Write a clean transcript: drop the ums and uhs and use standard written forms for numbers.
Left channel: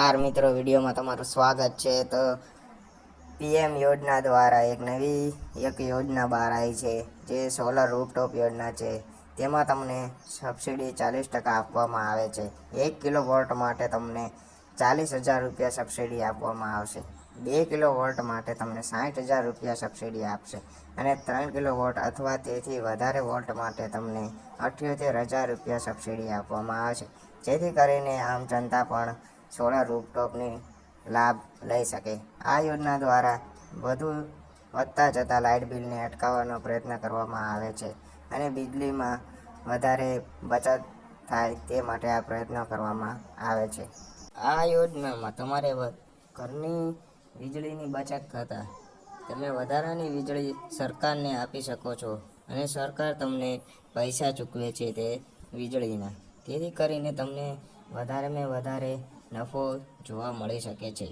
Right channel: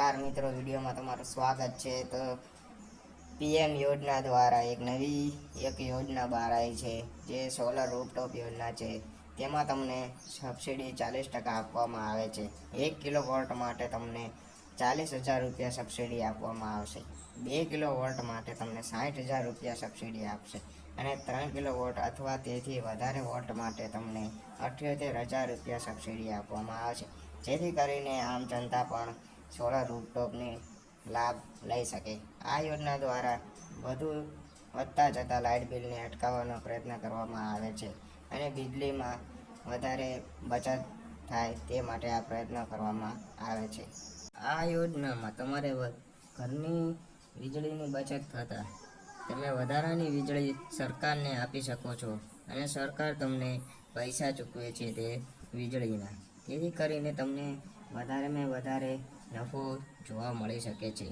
નમસ્કાર મિત્રો, વિડીયોમાં તમારું સ્વાગત છે। તો પીએમ યોજના દ્વારા એક યોજના બહાર આવી છે, જે સોલર રૂફટોપ યોજના છે। તેમાં તમને સબસિડી 40% આપવામાં આવે છે। 1 કિલોવોટ માટે તમને 40,000 રૂપિયા સબસિડી આપવામાં આવશે। 2 કિલોવોટ માટે તમને 60,000 રૂપિયા સબસિડી આપશે અને 3 કિલોવોટ અથવા તેથી વધારે વોલ્ટ માટે તમને 78,000 રૂપિયા સબસિડી આપવામાં આવશે, જેથી કરીને આમ જનતા પણ સોલર રૂફટોપની લાભ લઈ શકે। આ યોજના દ્વારા વધતા જતા લાઇટ બિલને અટકાવવાનો પ્રયત્ન કરવામાં આવે છે અને વીજળીમાં વધારે બચત થાય તે માટે આ પ્રયત્નો કરવામાં આવે છે। આ યોજનામાં તમારે ઘરની વીજળીની બચત થતાં તમે વધારાની વીજળી સરકારને આપી શકો છો અને સરકાર તમને પૈસા ચૂકવે છે તે વીજળીના, તેથી કરીને તમને વધારેમાં વધારે નફો જોવા મળી શકે છે।